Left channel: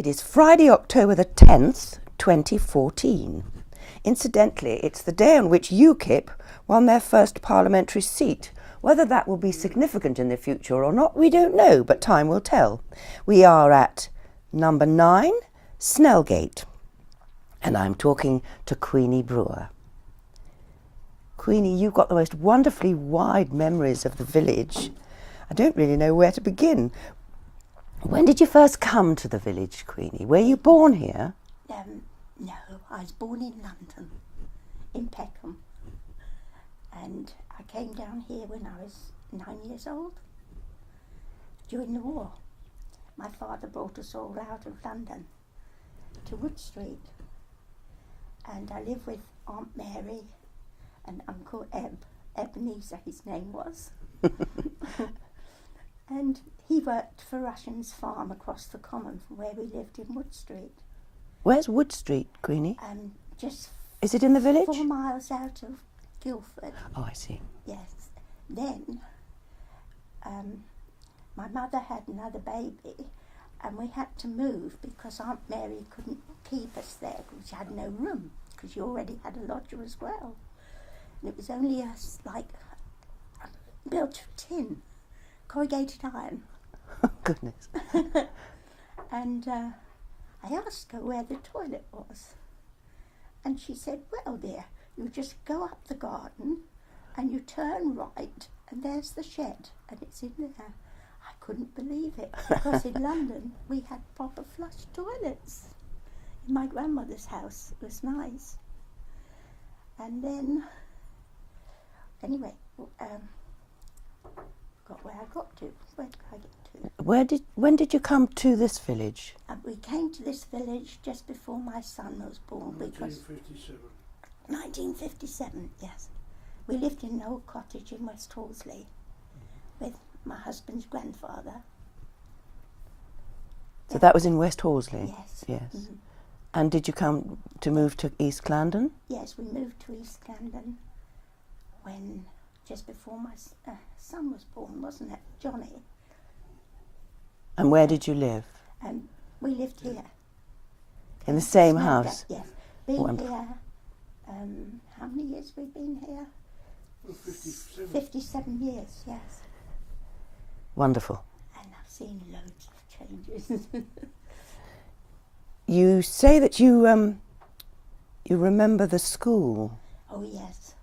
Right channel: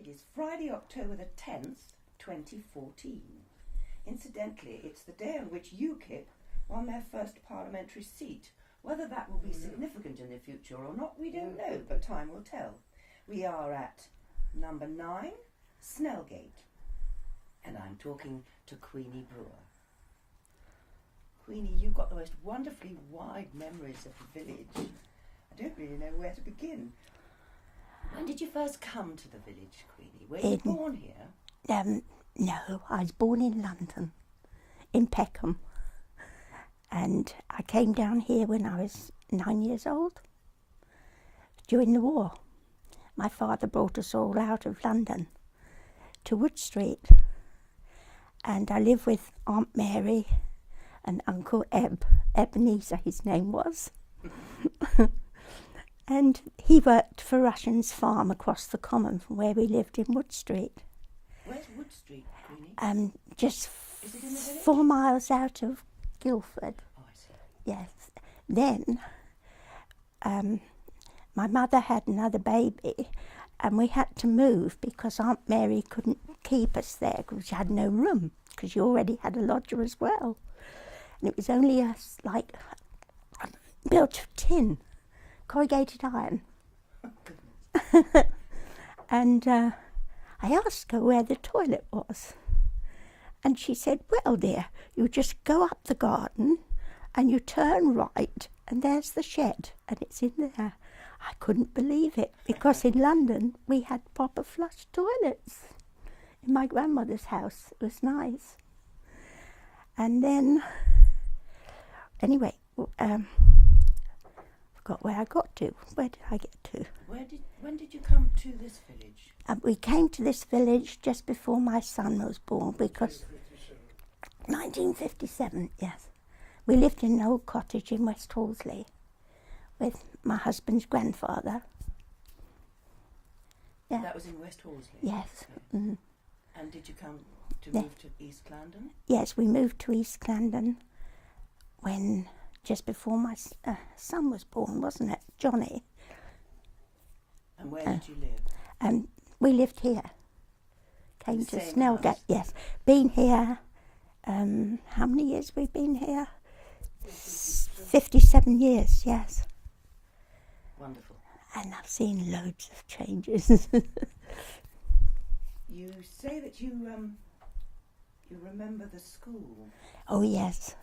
It is Friday, October the 10th, 2014. Incidentally, it's the day on which UKIP won their first parliamentary seat. Whether that will be significant in the future or not, we don't know, but time will tell. We are at number 9, Snellgate, and I'm talking to Queenie Brewer. Queenie, you've got the most wonderfully wide memories of the village. I don't really know where to begin. When did you first come to the village, Queenie? Were you born here? No, I was born in London, in Peckham. And I came down here when I was 9 years old, during the war. My father brought us all out of London to Wood Street. And I lived with Aunt Mary and Uncle Ebenezer, his name was. And he worked for Russian's farm across the common from where we lived in Wood Street. Where's Wood Street, Queenie? Is it in the village? 4 miles out of Guildford. Oh, I see. Yes. Then my mother had another baby and we had to move because Aunt Mary couldn't keep us there because she had no room because she already had a lodger as well. And it was only built of tin, corrugated iron. Oh, goodness. And I asked her where the toilet was. And she said, well, dear, you just go up the garden and you turn right and there's the shed and it's in there. I couldn't believe it because in London we had proper flush toilets. In my grandmother's house, it was nice. And then, anyway, forgot where I got to. Where did I get to? When did you come to this village? We came to this village just before my son was born because 1957, yes. We lived in an old cottage in West Horsley with my husband's grandfather. So that was in West Horsley? Yes. Yes. Mm-hmm. And did you come to move to East Clandon? Yes, we moved to East Clandon when just before my son was born, wasn't it, Johnny? And where did you live? We lived here. In the same Snellgate, house? Yes. Been here, how many years we've been here? 57 years, yes. Wonderful. And I've seen loads of changes. You say that you remember the school. Oh, yes.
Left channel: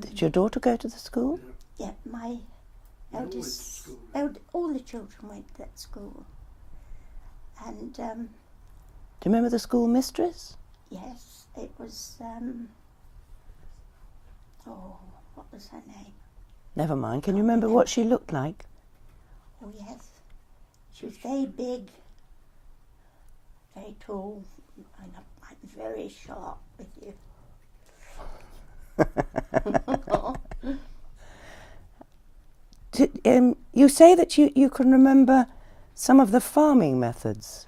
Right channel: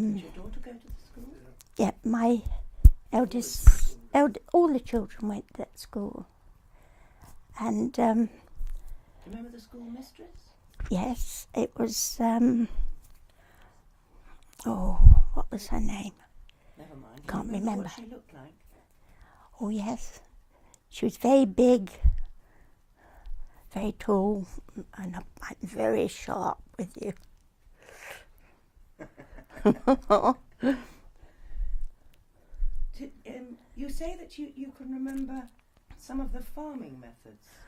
Did your daughter go to the school? Yeah, my all the children went to that school. And do you remember the school mistress? yes, it was, what was her name? Never mind. Can you Can't remember remember. what she looked like? Oh, yes. She was very big, very tall, and very sharp with you. You say that you can remember some of the farming methods.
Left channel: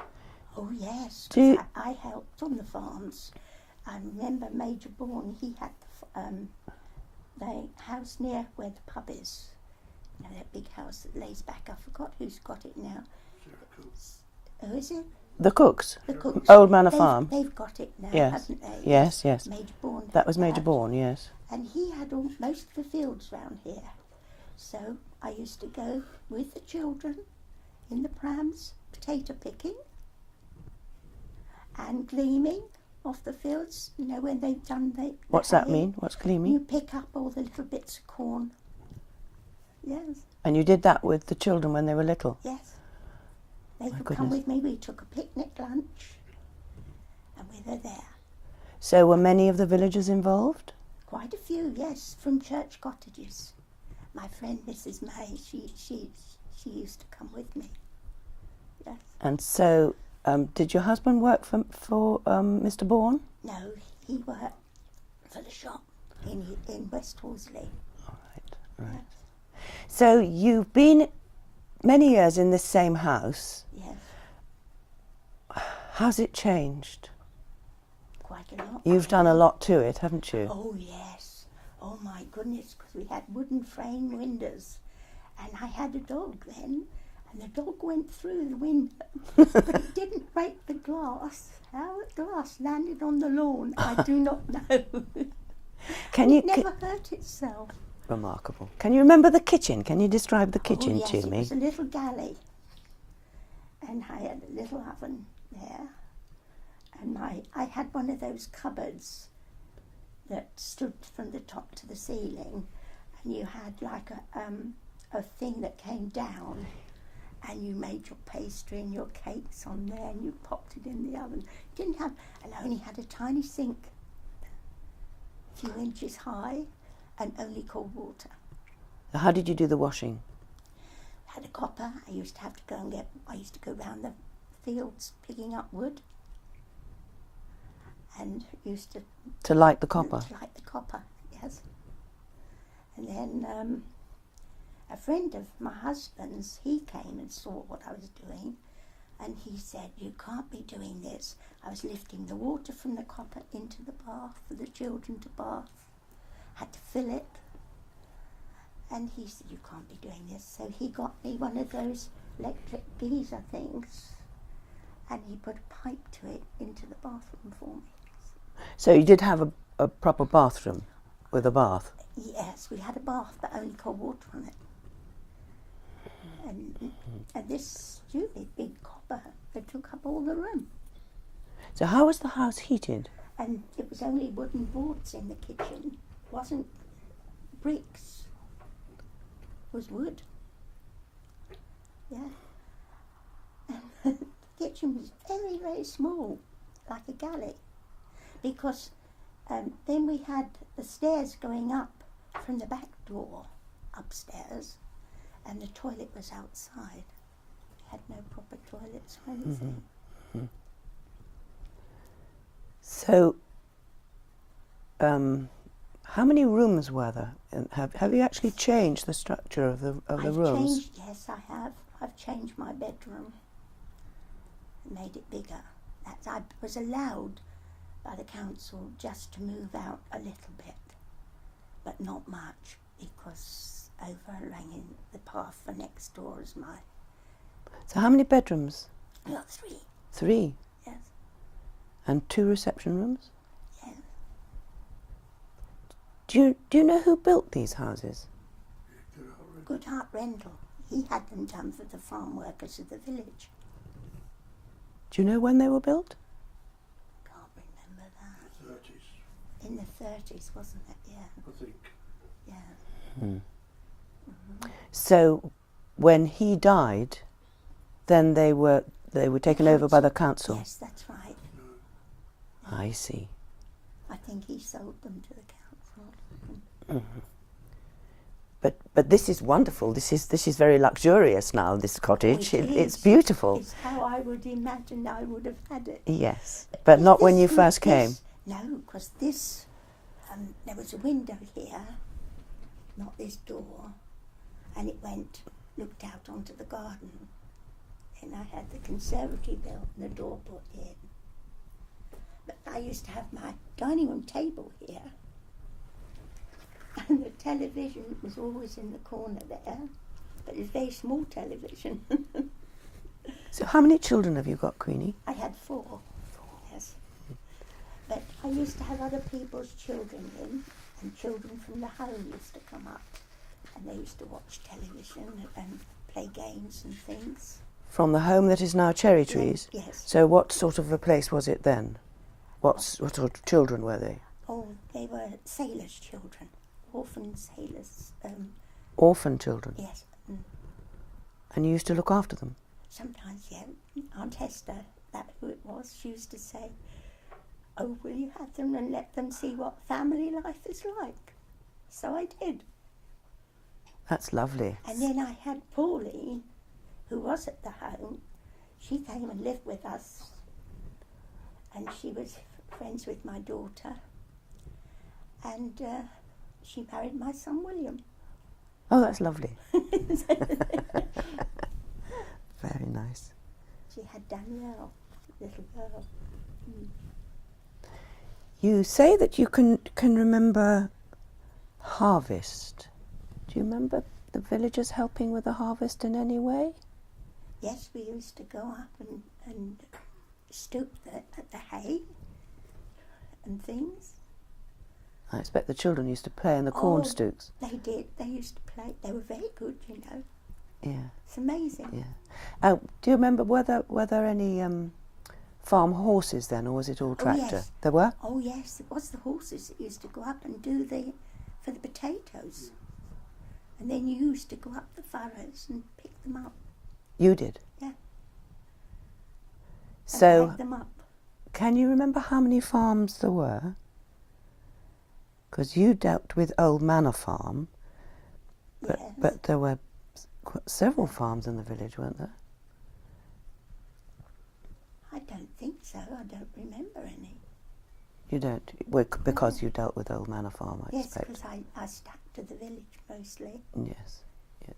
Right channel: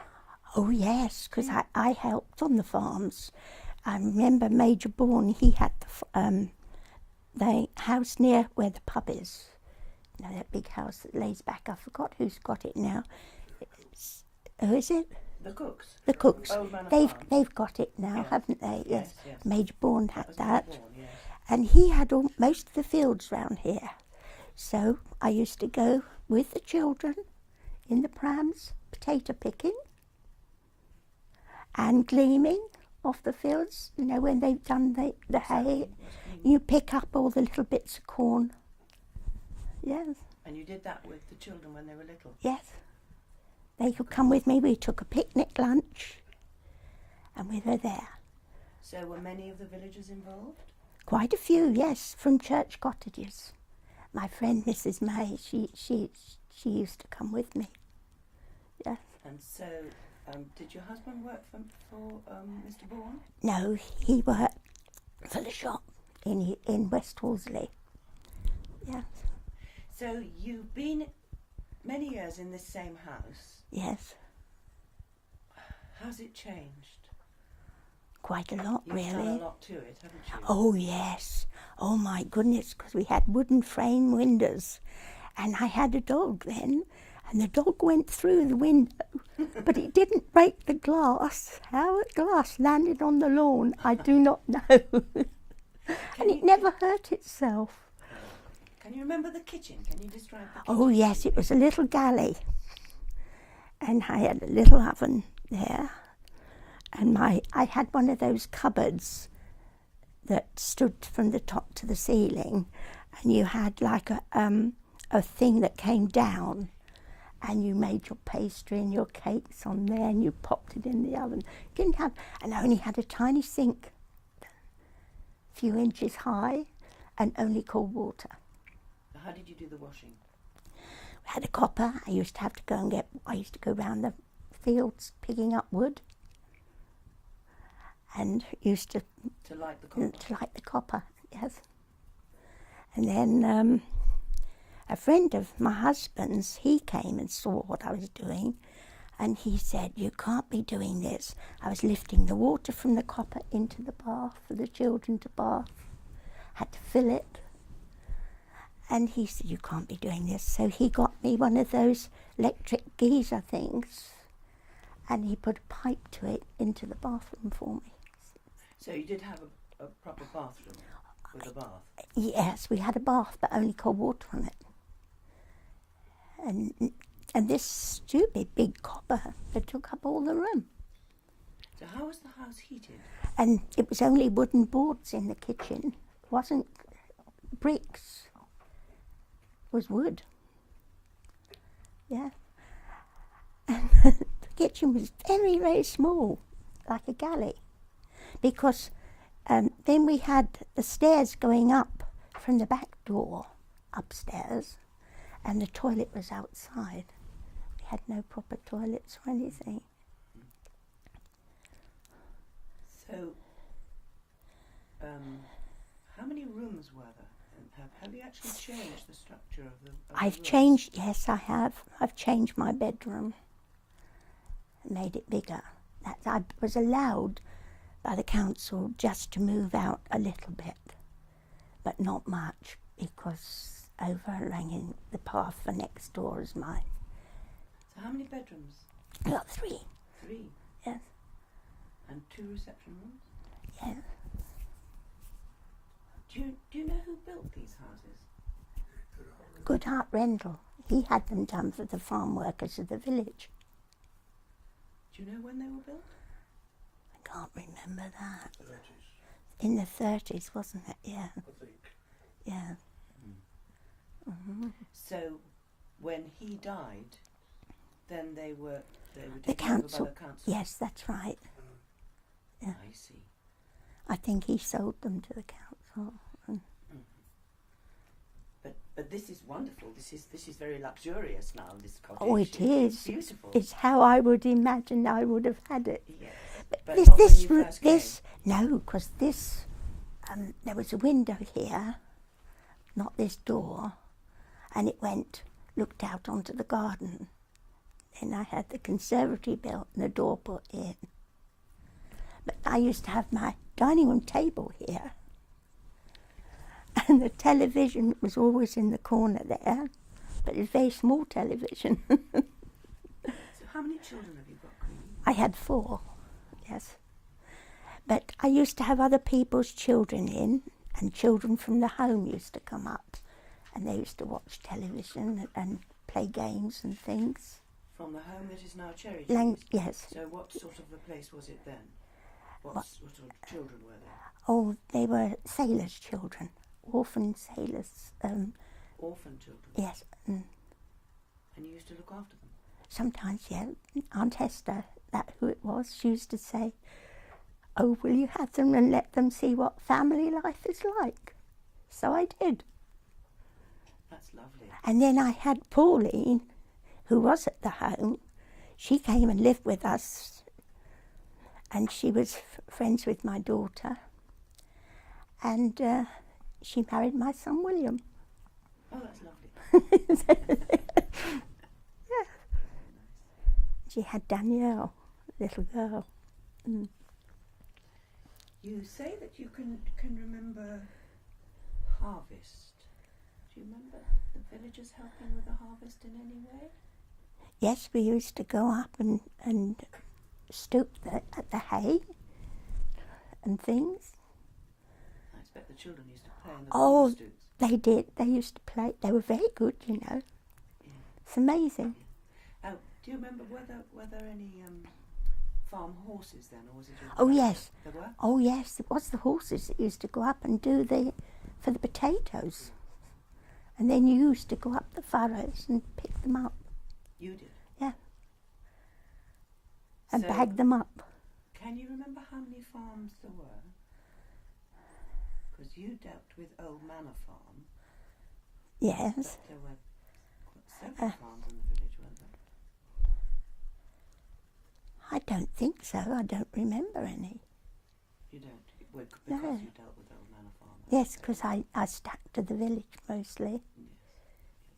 Oh, yes, because I helped on the farms. I remember Major Bourne, he had the house near where the pub is. You know, that big house that lays back. I forgot who's got it now. Who is it? The Cooks? The Cooks. Old Manor Farm. They've got it now, Yes. haven't they? Yes, yes. Major Bourne. That was Major Bourne, yes. And he had most of the fields round here. So I used to go with the children in the prams, potato picking and gleaming off the fields, you know, when they've done the What's hay. that mean? What's gleaming? You pick up all the little bits of corn. Yes, And you did that with the children when they were little? yes. They could come with me. We took a picnic lunch and we were there. So were many of the villagers involved? Quite a few, yes, from church cottages. My friend Mrs. May, she used to come with me. Yes. And so, did your husband work for Mr. Bourne? No, he worked for the shop in West Horsley. Right. Yes. So you've been many years in this same house. Yes, How's it changed? quite a lot. You've done a really. lot to it, haven't you? Oh, yes. Oh, my goodness, because we had wooden frame windows. And I had a dog then. and the dog went through the window, but it didn't break the glass. How the glass landed on the lawn, I do not know. It never hurt itself. Remarkable. Can you remember the kitchen? Can you describe the kitchen Oh yes, to it me? was a little galley, and I had a little oven there, and I had one of those cupboards that stood from the top to the ceiling, and you had like a thing that came down, and you made your pastry and your cakes on there, and you popped it in the oven. And I only had a tiny sink, a few inches high, and only cold water. How did you do the washing? We had a copper. I used to go round the fields picking up wood, and used to light the copper. To light the copper, yes. And then a friend of my husband's, he came and saw what I was doing, and he said, "You can't be doing this." I was lifting the water from the copper into the bath for the children to bath. Had to fill it. And he said, "You can't be doing this." So he got me one of those electric geyser things, and he put a pipe to it into the bathroom for me. So you did have a proper bathroom with a bath? Yes, we had a bath, but only cold water on it. And this stupid big copper that took up all the room. So how was the house heated? And it was only wooden boards in the kitchen. It wasn't bricks. It was wood. Yeah. And the kitchen was very, very small, like a galley. Because then we had the stairs going up from the back door upstairs, and the toilet was outside. We had no proper toilets or anything. Mm-hmm. So, how many rooms were there? And have you actually changed the structure of the rooms? Yes, I have. I've changed my bedroom, made it bigger. I was allowed by the council just to move out a little bit, but not much, because overhanging the path for next door is mine. So how many bedrooms? Well, 3. 3? Yes. And 2 reception rooms? Yes. Do you know who built these houses? Goodhart Rendell. He had them done for the farm workers of the village. Do you know when they were built? I can't remember that. 30s. In the 30s, wasn't it? Yeah. I think. Yeah. Mm. Mm-hmm. So when he died, then they were taken over by the council? Yes, that's right. Yeah. I see. I think he sold them to the council. Mm-hmm. But this is wonderful. This is very luxurious now, this cottage. Oh, it's beautiful. It's how I would imagine I would have had it. Yes, but not when you first came. No, because there was a window here, not this door, and it looked out onto the garden. And I had the conservatory built and the door put in. But I used to have my dining room table here, and the television was always in the corner there, but it was a very small television. So how many children have you got, Queenie? I had 4, yes. But I used to have other people's children in, and children from the home used to come up, and they used to watch television and play games and things. From the home that is now Cherry Trees? Yes. So what sort of a place was it then? What sort of children were they? Oh, they were sailors' children, orphan sailors. Orphan children? Yes. And you used to look after them? Sometimes, yeah. Aunt Hester, that who it was, she used to say, "Oh, will you have them and let them see what family life is like?" So I did. That's lovely. And then I had Pauline, who was at the home. She came and lived with us, and she was friends with my daughter, and she married my son William. Oh, that's lovely. Very nice. She had Danielle, little girl. Mm. You say that you can remember harvest. Do you remember the villagers helping with the harvest in any way? Yes, we used to go up and stoop at the hay and things. I expect the children used to play in the corn stooks. They did. They used to play. They were very good, you know. Yeah. It's amazing. Yeah. Do you remember were there any farm horses then, or was it all tractor? Oh, yes. There were? Oh, yes. It was the horses that used to go up and do for the potatoes. And then you used to go up the furrows and pick them up. You did? Yeah. So, And bag them up. can you remember how many farms there were? Because you dealt with Old Manor Farm. Yes. But there were several farms in the village, weren't there? I don't think so. I don't remember any. You don't? Because you dealt with Old Manor Farm, I Yes, expect. because I stuck to the village mostly. Yes.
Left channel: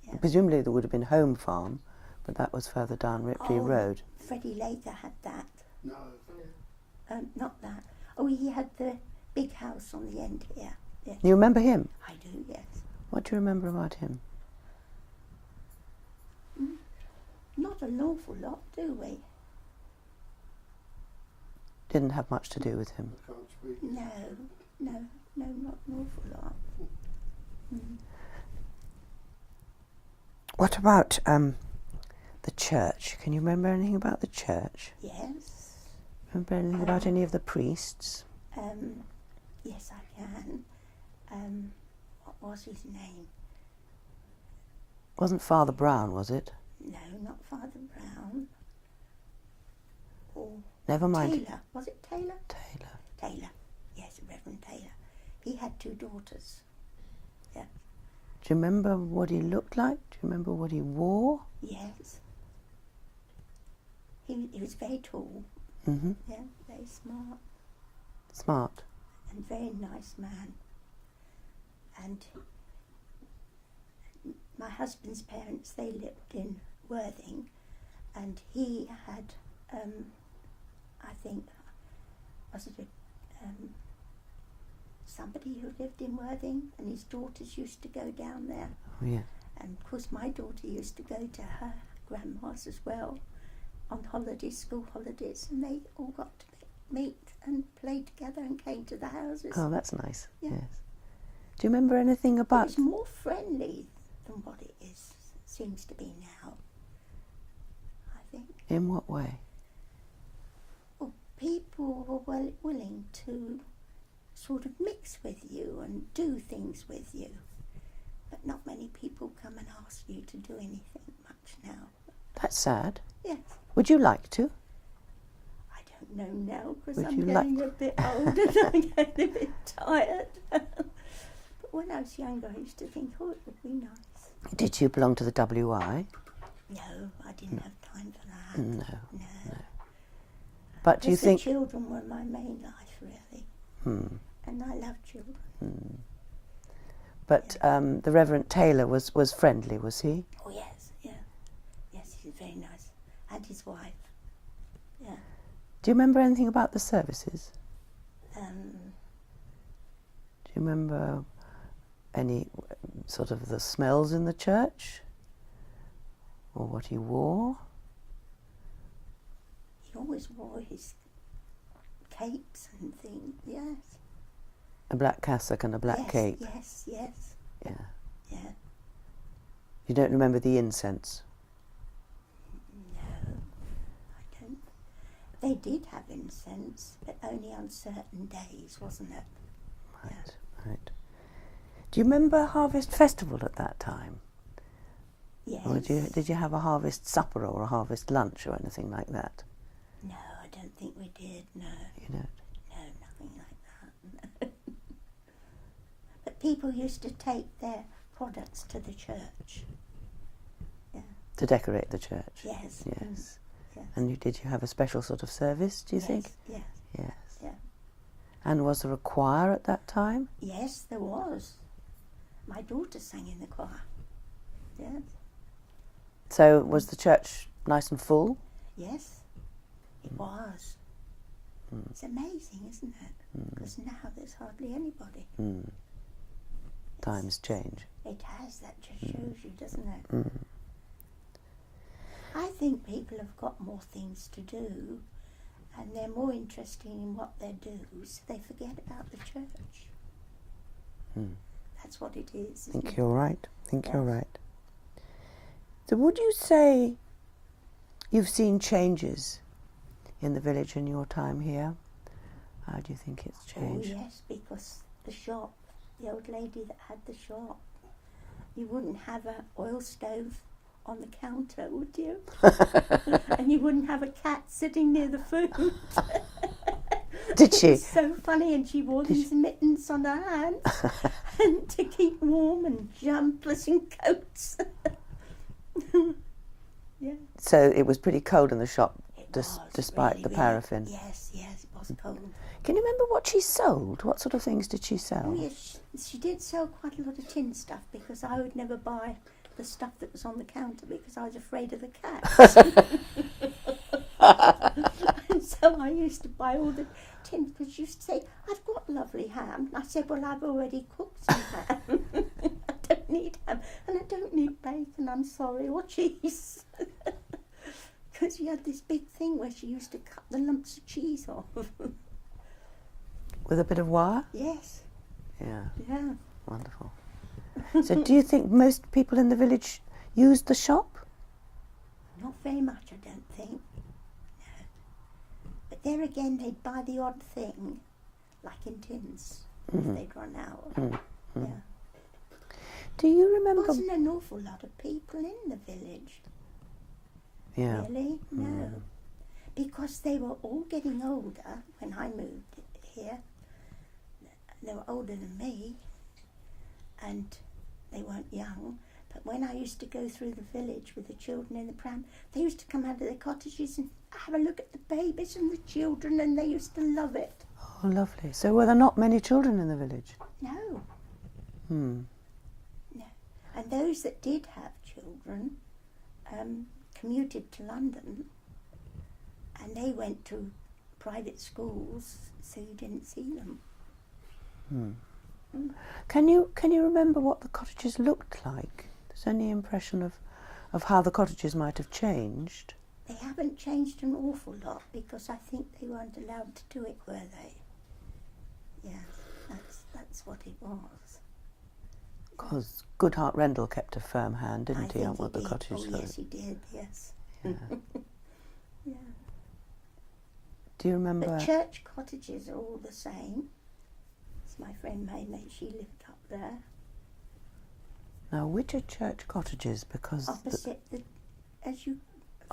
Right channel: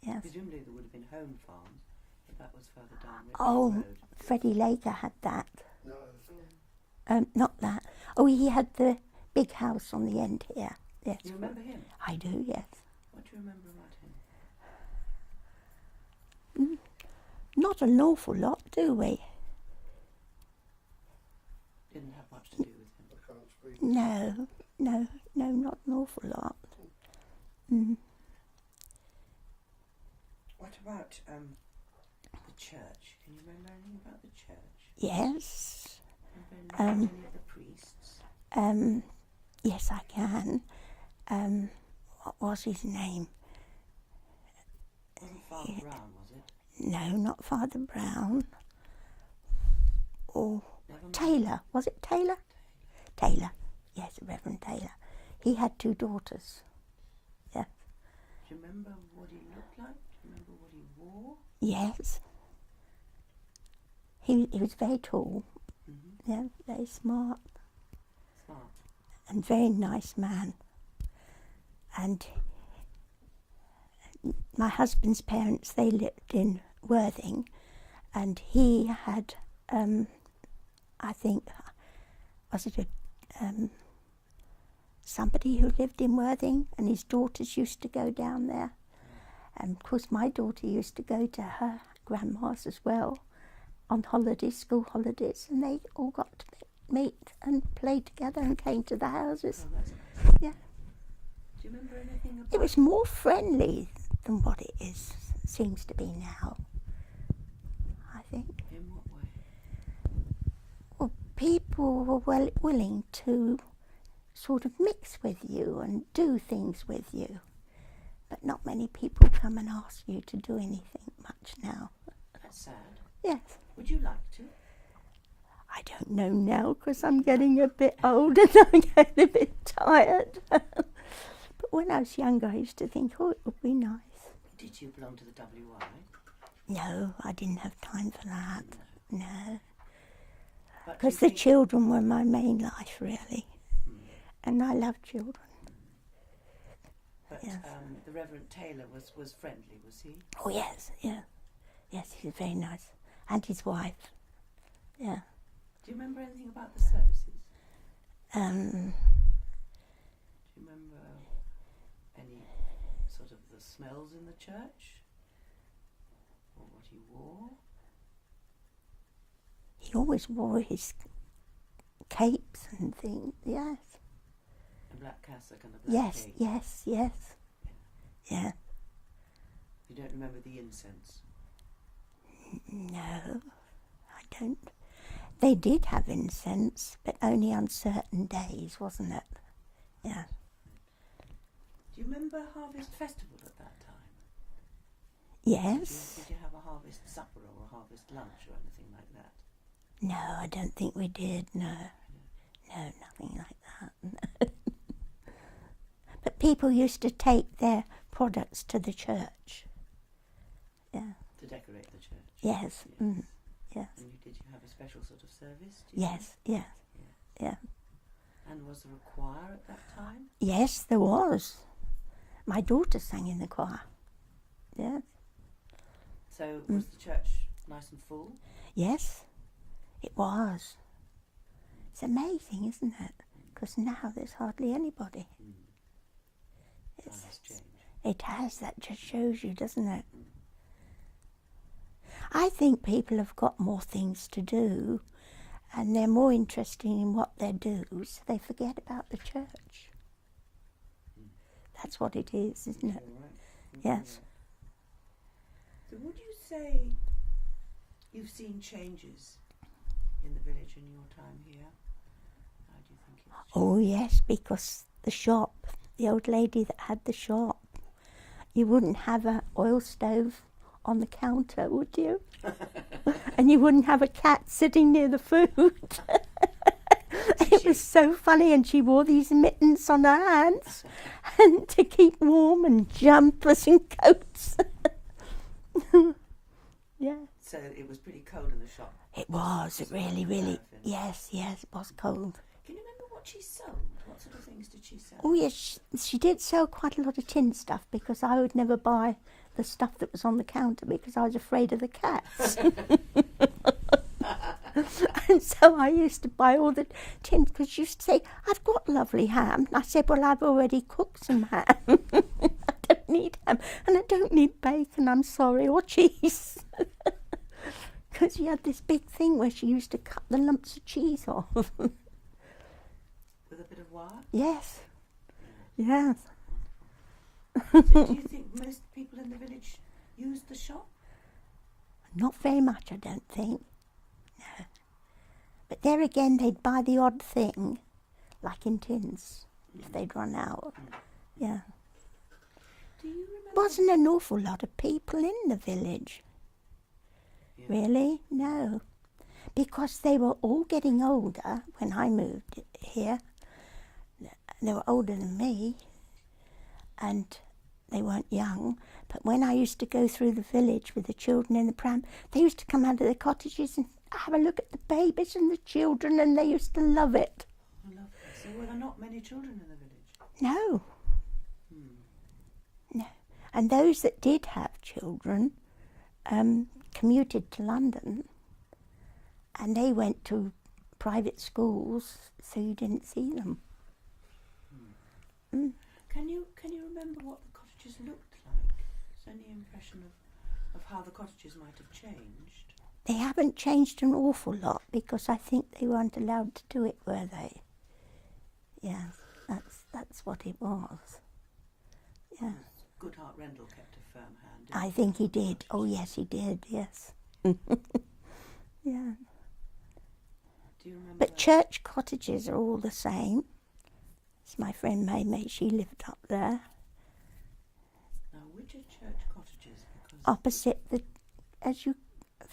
Yeah. Yeah. Presumably there would have been Home Farm, but that was further down Ripley Road. Freddie Laker had that. No, Not that. Oh, he had the big house on the end here. Yes. You remember him? I do, yes. What do you remember about him? Not an awful lot, do we? Didn't have much to do with him. I can't speak. No, not an awful lot. What about the church? Can you remember anything about the church? Yes. Remember anything about any of the priests? Yes, I can. What was his name? Wasn't Father Brown, was it? No, not Father Brown. Oh, Never mind. Taylor. Was it Taylor? Taylor. Taylor. Yes, Reverend Taylor. He had 2 daughters. Yeah. Do you remember what he looked like? Do you remember what he wore? Yes. He was very tall. Mm-hmm. Yeah, very smart Smart. and very nice man. And my husband's parents, they lived in Worthing, and he had, I think, was it somebody who lived in Worthing, and his daughters used to go down there. Oh, yeah. And of course my daughter used to go to her grandma's as well on holidays, school holidays, and they all got to meet and play together and came to the houses. Oh, that's nice. Yeah. Yes. Do you remember anything It about... was more friendly than what it seems to be now, I think. In what way? Well, people were willing to sort of mix with you and do things with you, but not many people come and ask you to do anything much now. That's sad. Yes. Would you like to? I don't know now because Would I'm you getting a bit old and I'm getting a bit tired. But when I was younger, I used to think, oh, it would be nice. Did you belong to the WI? No, I didn't have time for that. No. No. But do you Because the think... children were my main life, really. Hmm. And I love children. But the Reverend Taylor was friendly, was he? Oh, yes, yeah. Yes, he's very nice. And his wife. Yeah. Do you remember anything about the services? Do you remember any sort of the smells in the church? Or what he wore? He always wore his capes and things, yes. A black cassock and a black cape? Yes. Yeah. Yeah. You don't remember the incense? No, I don't. They did have incense, but only on certain days, wasn't it? Right, Yeah. right. Do you remember Harvest Festival at that time? Yes. Or did you have a harvest supper or a harvest lunch or anything like that? No, I don't think we did, no. You know? No, nothing like that. But people used to take their products to the church. Yeah. To decorate the church? Yes. Yes. Yes. And did you have a special sort of service, do you think? Yes. Yes. Yeah. And was there a choir at that time? Yes, there was. My daughter sang in the choir. Yes. So was the church nice and full? Yes, it was. It's amazing, isn't it? Because now there's hardly anybody. Times change. It has. That just shows you, doesn't it? I think people have got more things to do and they're more interested in what they do, so they forget about the church. That's what it is, I isn't think it? you're right. I think you're Yes. right. So would you say you've seen changes in the village in your time here? How do you think it's changed? Oh yes, because the shop, the old lady that had the shop, you wouldn't have an oil stove on the counter, would you? And you wouldn't have a cat sitting near the food. Did It she? was so funny, and she wore these mittens on her hands and to keep warm, and jumpers and coats. Yeah. So it was pretty cold in the shop, It was, despite really, the really. paraffin. Yes, it was cold. Can you remember what she sold? What sort of things did she sell? Oh yes, she did sell quite a lot of tin stuff, because I would never buy the stuff that was on the counter because I was afraid of the cats. And so I used to buy all the tin, because she used to say, "I've got lovely ham." And I said, "Well, I've already cooked some ham. I don't need ham, and I don't need bacon, I'm sorry, or cheese." Because she had this big thing where she used to cut the lumps of cheese off. With a bit of wire? Yes, Yeah, yes. wonderful. So do you think most people in the village used the shop? Not very much, I don't think. No. But there again, they'd buy the odd thing, like in tins, if they'd run out. Yeah. Do you remember? Wasn't an awful lot of people in the village, Yeah. really. No. Because they were all getting older when I moved here. They were older than me, and they weren't young. But when I used to go through the village with the children in the pram, they used to come out of their cottages and have a look at the babies and the children, and they used to love it. Oh, lovely. So were there not many children in the village? No, Hmm. no. And those that did have children commuted to London, and they went to private schools, so you didn't see them. Can you remember what the cottages looked like? Is there any impression of how the cottages might have changed? They haven't changed an awful lot, because I think they weren't allowed to do it, were they? Yes, that's what it was. Because Goodhart Rendell kept a firm hand, didn't I he? think on he what the did. cottages Oh looked yes, he did. Yes. Yeah. Yeah. Do you remember? But church cottages are all the same. It's my friend May, she lived up there, Now, which are church cottages? Because opposite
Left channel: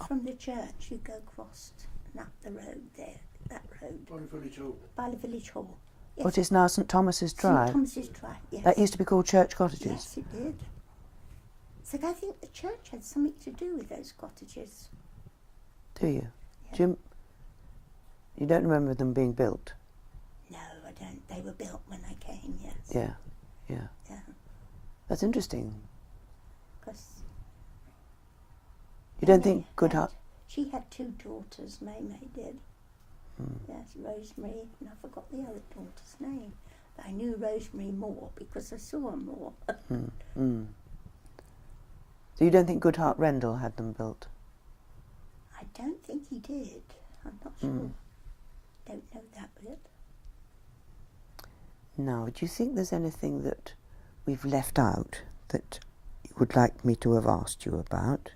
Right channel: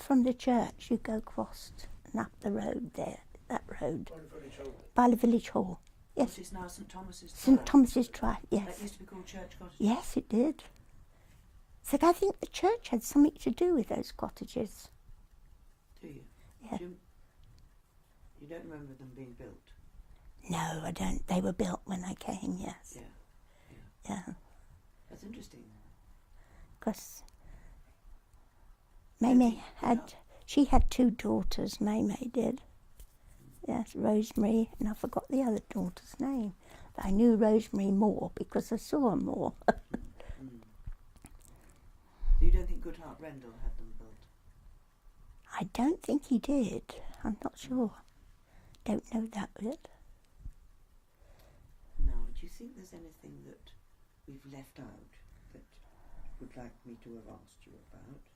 from the church, you go across and up the road there, that road, by the village hall. Yes. what is now St Thomas's Drive? St Thomas's Drive, yes. That used to be called church cottages. Yes, it did. So I think the church had something to do with those cottages. Do you? Yeah. You don't remember them being built? No, I don't. They were built when I came, yes. Yeah. Yeah. That's interesting. Because You don't think Goodhart? She had two daughters, May did. Yes, Rosemary, and I forgot the other daughter's name. But I knew Rosemary more because I saw her more. So you don't think Goodhart Rendell had them built? I don't think he did. I'm not sure. Don't know that bit. Now, do you think there's anything that we've left out that you would like me to have asked you about?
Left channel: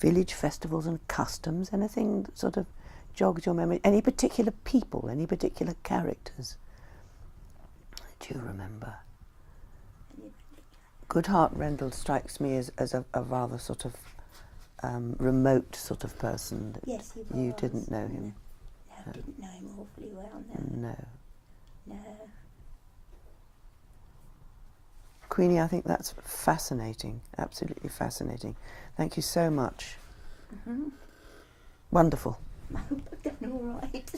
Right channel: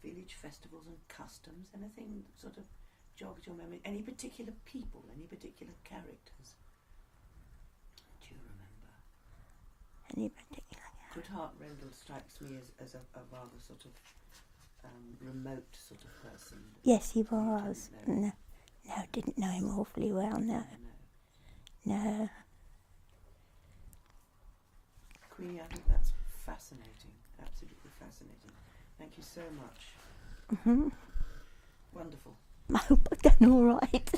Village festivals and customs, anything that sort of jogs your memory? Any particular people, any particular characters? Do you remember? Any particular? Goodhart Rendell strikes me as a rather sort of remote sort of person. Yes, he was. You didn't know him? No, didn't know him awfully well, no. No. Queenie, I think that's fascinating, absolutely fascinating. Thank you so much. Wonderful. I hope I've done all right.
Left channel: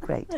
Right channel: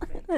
Great.